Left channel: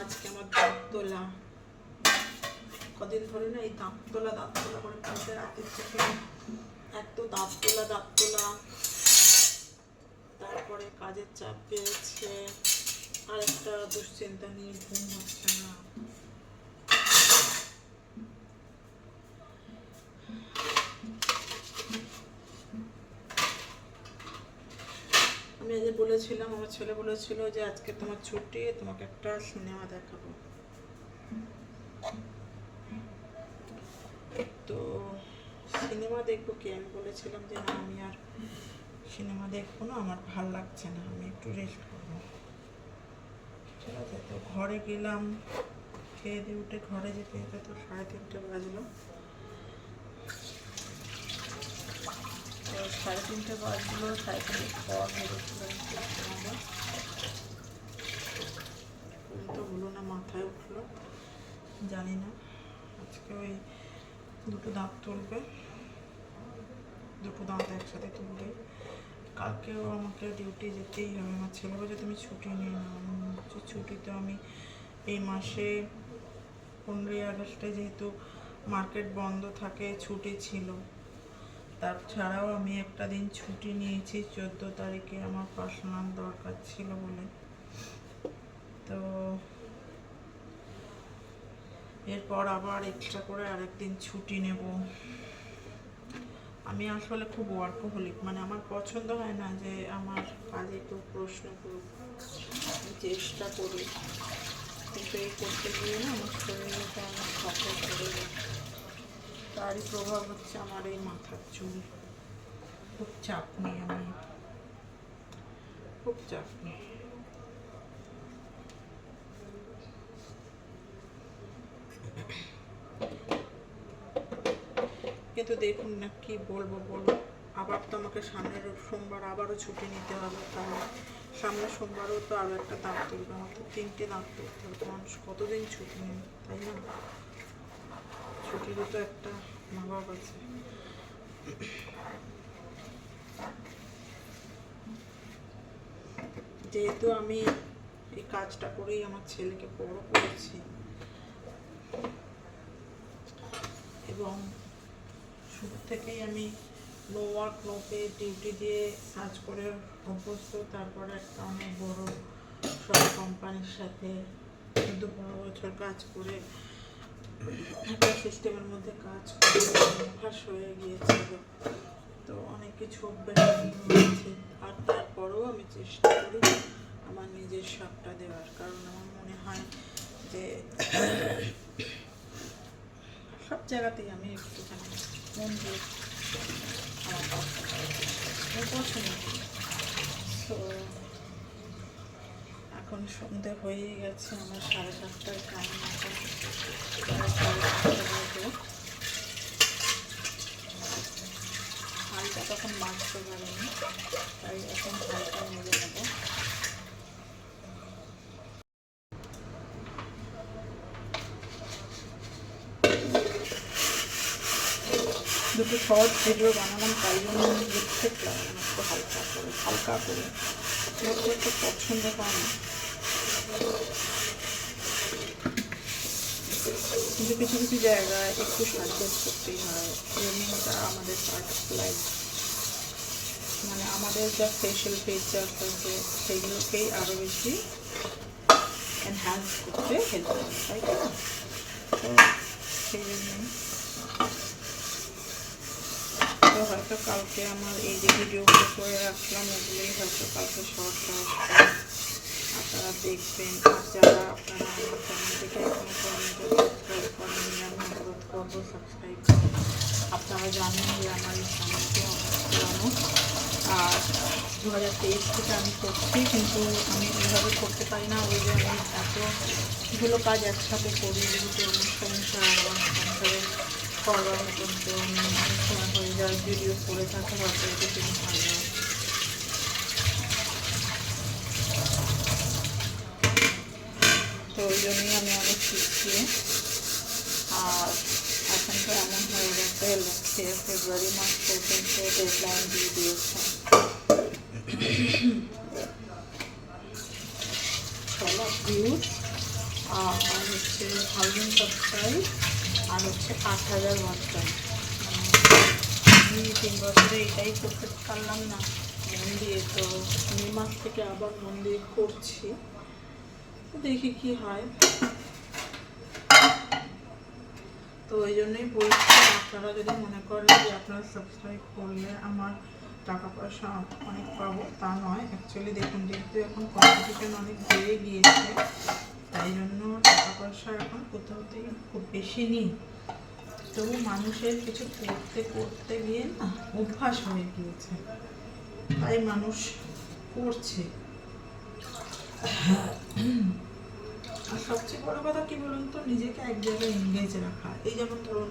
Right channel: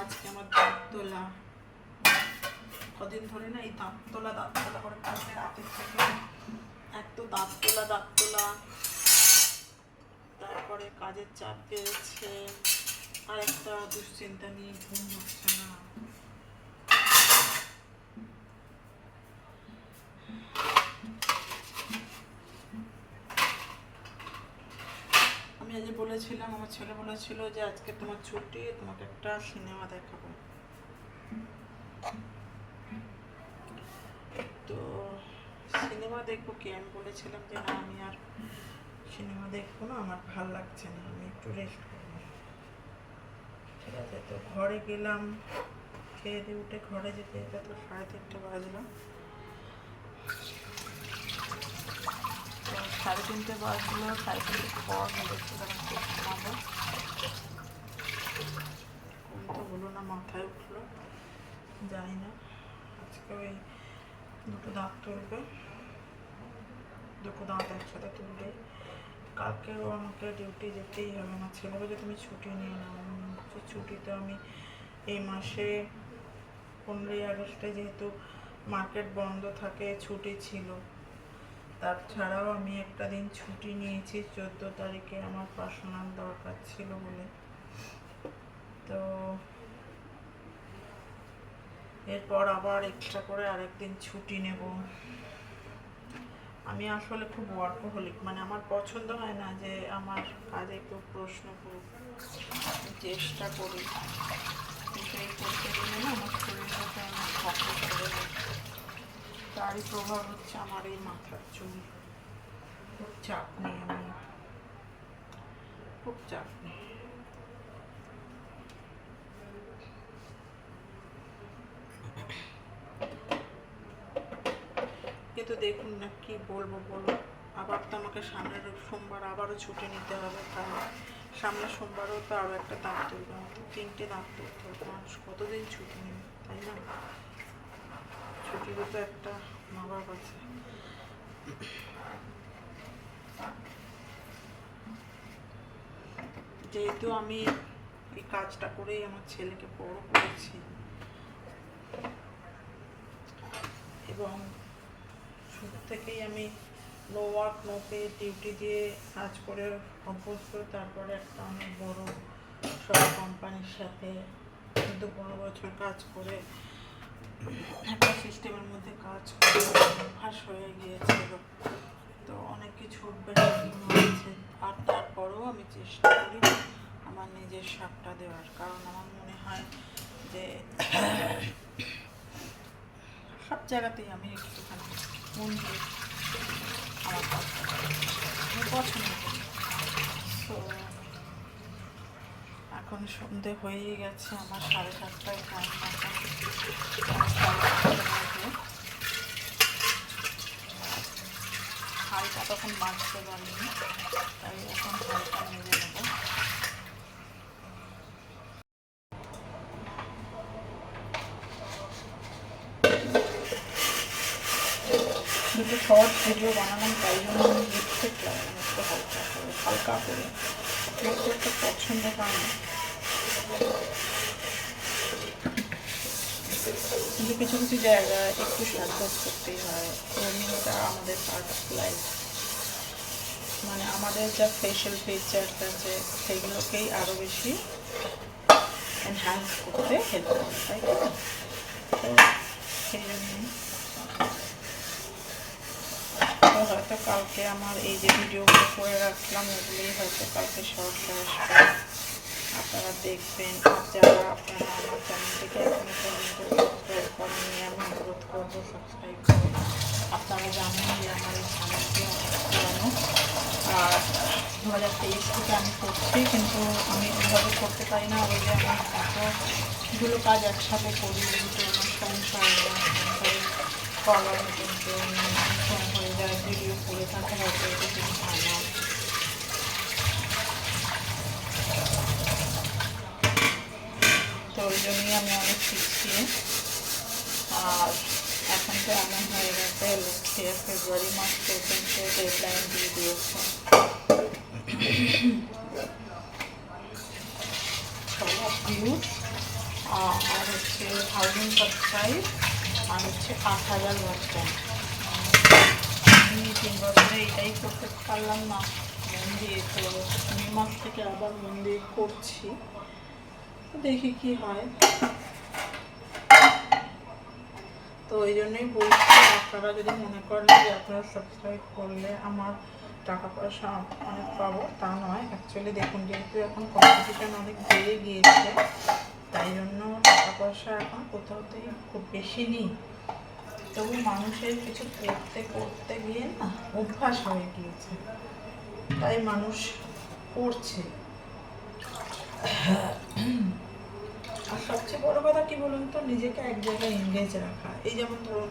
আজকে আমার দাঁত তোলা, কদিন ধরে না এই দাঁত তোলা করে কালকে রাতের থেকে এত দাঁত তোলা, তারপরে কাজের চাপ পেয়েছে, আর একটা দুশ্চিন্তা নিয়ে ঘুম হচ্ছে না। আমি আজ বলেছিলাম, আমার ছেলে বলেছিল যে আজকে তোমার ছুটি, তোমাকে একটা সিনেমা দেখাবো। তো সিনেমা দেখবো কি, আমি বলেছিলাম যে না আমি আর সিনেমা দেখবো না, আমার ভাল লাগছে না, আমি একটু রেস্ট করবো। ঠিক আছে, তো ঘরে গেলাম, খেয়ে দিয়ে উঠে ঘরে যেতে যেতে তো 3:30 বাজলো। 3:30 বাজলো, 3:30 পর ভেবেছিলাম ঘুমাবো, ঘুম তো হলো না, মাথায় উঠলো। জানি না আজকে ওই দুটো দাঁত তুলবে, দুটো দাঁত একসাথে তুলবে। কালকেও আমাকে ডিউটি যেতেই হবে, আমার ছেলে বলছে তুমি ছুটি নিয়ে নাও। ছুটি তো আমি এই মাসে 15ই আগস্টে যেহেতু মার্কেট বন্ধ থাকে ছুটি ছিল, তাছাড়াও আমি একটা দিন ছুটি নিয়েছি 14 তারিখে আমার পার্সোনাল দরকার ছিল বলে। তো এরপর আবার এক্সট্রা করে আরেকদিন ছুটি নেব। আমি আসলে খুব ওয়ার্কোহলিক, মানে আমার পছন্দ হয় না যে আমার কাজে কেউ প্রশ্ন করুক, আমি চেষ্টা করি, কিন্তু এই করতে গিয়ে না আমার শরীরের মধ্যে অনেক ফসল পড়ে যায়। তারই প্রভাব হচ্ছে আমার এই মাথার চুল। খুব চাপ নিই আমি, খুব চাপ নিই। কিন্তু দেখুন না কি বলবো, আবার তো আমাকে সামনের সোমবার আবারও ছুটি নিতে হবে, কারণ সামনের সোমবারও তো আরও একটা দাঁত তুলবে, আমার তো 3টে দাঁত তুলতে হবে। মানুষ কতদিন ছুটি নেবে, তাই না? ছুটিরও তো একটা মা বাপ আছে। যেহেতু আমি এই কাজটা করেই আমার ছেলেকে বড় করেছি এবং শুরু থেকেই আমি no work no pay duty দিয়ে কাজ করে অভ্যস্ত, তারপরে একটা অনেক বড় সব কোম্পানির সাথে 15 বছর কাজ করে একটা সিস্টেমের মধ্যে কাজ করে অভ্যাস হয়ে গিয়েছিল, তো অনেক কিছু অভ্যাস হয়েছে। আর তারপরেও আমি চেষ্টা করি আমার নিজের সাপটা দেওয়ার, কারণ আমার মনে হয় যে সব জায়গাতেই আমি একটুখানি মন দিয়ে আমার পছন্দ করি। তো এখন সন্ধে হয়েই গেছে, আমার 7:30টায় কেমন এখন হালকা তখন বাঁচতে পারিনি, তাই এখন হালকা মেরে নেব। দুটো শর্ট ভিডিও বানালাম, তাই জন্য আমি লিপস্টিক লাগালাম একটু হালকা করে একটা পছন্দ পাই না, কিন্তু কিছু কিছু জায়গায় একটু সাজগোজ করতেই হয়, রঙিনটা আমাদের পার্ট অফ লাইফ, মানে আমাদের যা ফেশিয়াল ফিচার্স আছে সেগুলোকেই আরও বেশি এনহ্যান্স করতে হেল্প করে, তাই তো? সেই জন্যই তো হয়তো কালকে আমার এই যে ভিডিওগুলো করে রাখলাম ওগুলোই হয়তো কালকে শর্টে আসবে, আপনারা দেখবেন। আর যারা আপনারা আমার চ্যানেলটিকে এখনো পর্যন্ত সাবস্ক্রাইব করেননি, আমি অনুরোধ করবো সাবস্ক্রাইব করুন। আপনারা জানেন যে আমার এই চ্যানেলটি অনেক পুরানো, আর 2023 থেকে আমি করছি, কিন্তু আমি ওইভাবে করতে পারি না, ওই যে আমি এতগুলো কাজ একসাথে করি, যেহেতু আমার সংসারের করার মতন কেউ অনুষ্ঠান হয়ে যায়, ভিডিও করে থাকে হয়তো কিছু হয় না। তো ওই জন্যই আমি অনেক পিছিয়ে। আর এখন তো এমন হয়ে গেছে, লক্ষ্যে ফেব্রুয়ারি মাস পর্যন্ত ডেডলাইন দিয়ে দিয়েছে। চলো ভিউজ, হচ্ছে 1000 সাবস্ক্রাইব আর হচ্ছে 8000 ওয়াচ টাইম। আমি 3 বছরে এটাই করতে পারলাম না মন দিয়ে, তো মে মাস থেকে আবার মন দিয়ে করছি, দেখি কি হয়। তো ওই জন্যই বলছি, আপনারা যদি মনে করেন যে আপনারা সাবস্ক্রাইব করলে আমার টাকা পয়সা অনেক পাবো, তা নয়। অ্যাকচুয়ালি দেখুন, যেহেতু এখন কম্পিটিশন অনেক বেড়ে গিয়েছে, তাই জন্য টাকা পয়সা এখন কোথাওতেই খুব বেশি নেই। তবু মানুষের কিছু করতে করতে গিয়ে না অভ্যাস হয়ে গিয়েছে, তাই মানুষ করছে। আর সবচেয়ে বড় কথা কি বলুন তো, নিজেকে এক জায়গায় এনগেজ রাখা। এই যেমন ধরুন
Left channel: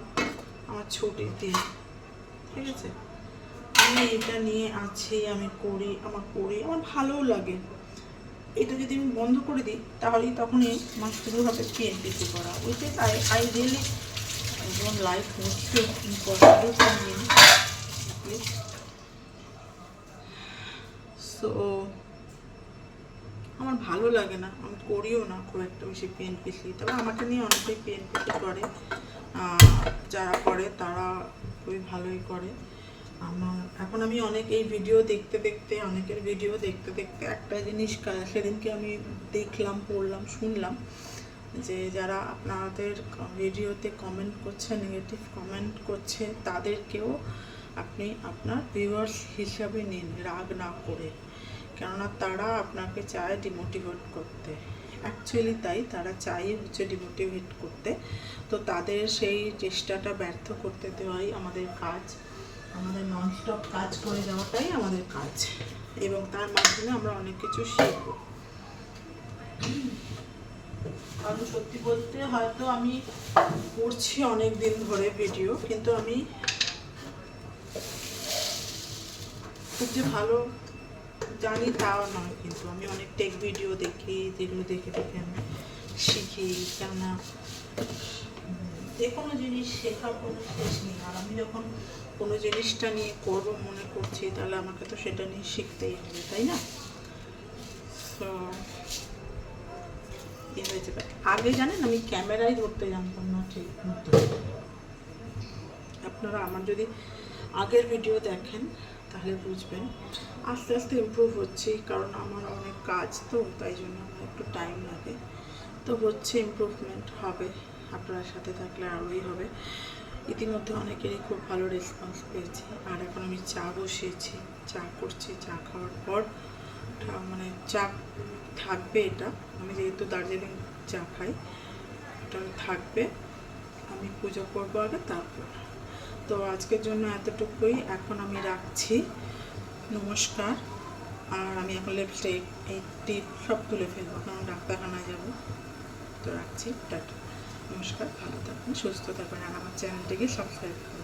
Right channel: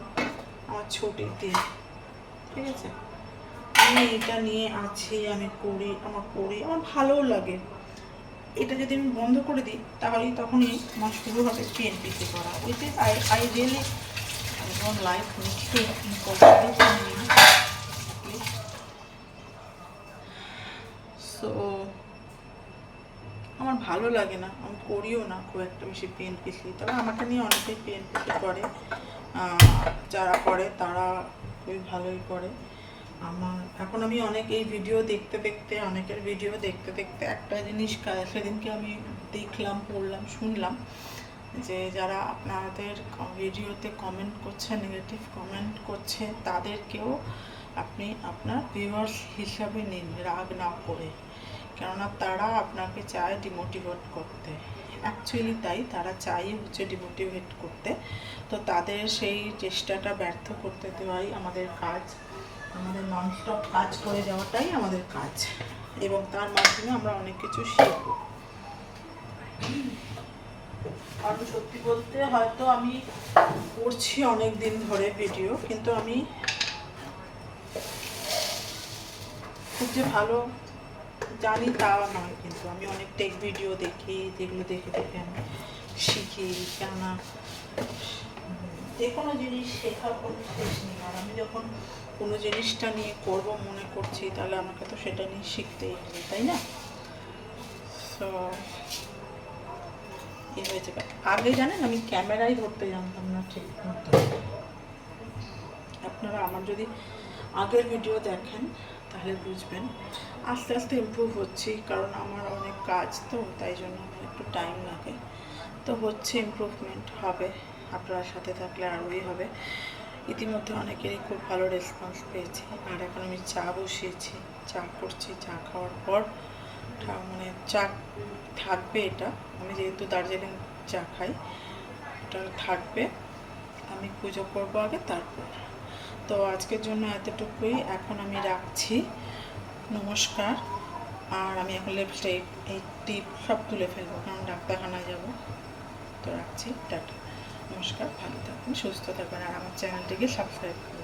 আমার ছুটির দিন, ঠিক আছে, আমি এটা নিয়ে আছি, আমি করি, আমার ভালোও লাগে। এটা যদি আমি বন্ধ করে দিই তাহলেই তখনই আমার শুরু হবে পিএনপিসি করা, which is I really don't like so আমার ভালো লাগে না, আমি করিও না খুব একটা বেশি পিএনপিসি। তবে আমাকে নিয়ে অনেকেই পিএনপিসি করে, যারা করে তারা খুবই ভালোই করে। এখন আমি অনেক এই ভিডিও দেখতে দেখতে, অনেকের ভিডিও দেখতে দেখতে একটা জিনিস সেদিনকে আমি দেখলাম, পড়লাম, শুনলাম যে যারা আপনাদের ভিডিওতে কমেন্ট করছে, নেগেটিভ কমেন্ট করছে, তাদেরকেও আপনি আপনার ভিউয়ার্স হিসাবে নিন, রাগ না করে। কেননা তারা আপনাকে চায় ডিমোটিভেট করতে, অ্যাকচুয়ালি তাই, তারা চাই হচ্ছে ডিমোটিভেট করতে। তো তাদের সেই চেষ্টাটা ব্যর্থ করতে দেওয়াই আমাদের কাজ, আমাদের ননস্টপ কাজ করে যাওয়াটাই আমাদের কাজ, এবং তার মাধ্যমে আমরা অনেক কিছু শিখব। কারণ সত্যি বলতে হয়তো আমি করছি অনেক দিন ধরে ভিডিও, কিন্তু আমি খুব যে ভালো জানি তা নয়। কিন্তু আমি অনেক টেক ভিডিও দেখি, যেগুলো দেখে দেখে আমি শিখি। কেননা যে কোনো জিনিস শেখার কোনো শেষ নেই, আর আমি যখন কোনো জিনিসটা নিয়ে করব মনে করছি, তাহলে আমাকে তো সেটা নিয়ে শিখতেই হবে, তাই না? তো এই হয়েছে। আগে জানেন আমি ক্যামেরাই ধরতে জানতাম না ঠিক মতো। আপনারা আমার যদি আগের ভিডিও দেখেন তাহলে বুঝবেন আস্তে আস্তে ইমপ্রুভ হচ্ছি, কারণ আমার অনেক কাজ, তো তাই জন্য আমার একটু টাইম লাগে। তো হচ্ছে, ইমপ্রুভমেন্ট হবে, আপনার সাথে থাকলে আরোই হবে। ইতিমধ্যে অনেকেরই খুব ভালো রেসপন্স পেয়েছি। আর এখন আমি চা বসিয়েছি, চা করছি। চা খাওয়ার পর মানে চা থাকবে, এটা আমি যেহেতু দার্জিলিং চা খাই, এটা থাকবে। আমি পুজো করবো আগে, তারপর। তো আজকের জন্য এতটুকুই, এখন আমি রাখছি। নমস্কার। আর আমি এখন লিপস্টিক, এই টিপ সব তুলে ফেলবো, কারণ ডাক্তারখানায় যাবো। তো রাখছি, টাটা, নমস্কার, ভালো থাকবেন, সুস্থ থাকবেন, আর আমার চ্যানেলটিকে সাবস্ক্রাইব করুন।